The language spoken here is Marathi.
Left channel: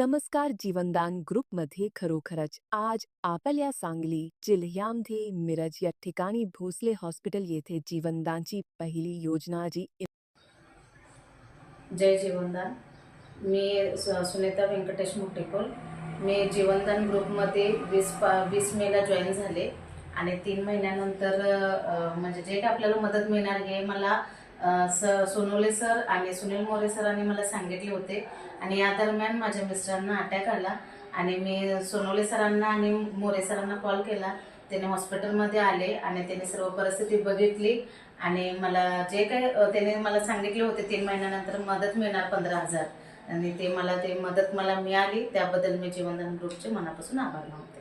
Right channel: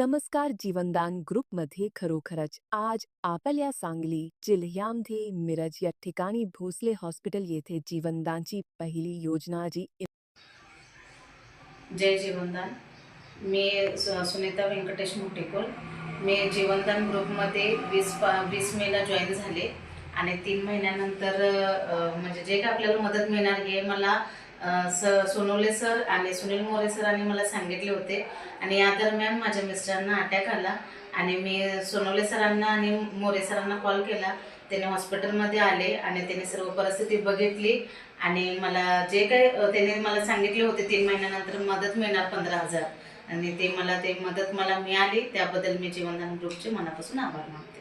नमस्कार जीवनदान ग्रुपमध्ये खरोखरच आज आपल्या सांगली जिल्ह्यामध्ये मिरज या ठिकाणी भोसले हॉस्पिटल येथे जीवनदानची पहिली योजना जी जय जीवनदान। मी सुनीता व्यंकटेश मुटेकोल। मी जीवनदान ग्रुपमध्ये 20 मेला जॉईन झाले आणि 3 महिन्यानंतर म्हणजे जे काय आपल्याला मदत मिळणार हे मला सोनवले सर आणि सुनील मोरे सरांनी मला सांगितले होते। आणि या दरम्यान माझ्या मिस्टरांना अटॅक आला आणि मी सोनवले सरांना आणि मोरे सरांना कॉल केला। त्याने हॉस्पिटलमध्ये आले आणि त्याने सर्व परिस्थिती बघितली आणि मला जे काही त्याने मला सांगितले होते 3 महिन्यानंतर मदत मिळणार 15,000 आणि ते मदत मला मिळाली। त्याबद्दल मी जीवनदान ग्रुपचे मनापासून आभार मानते।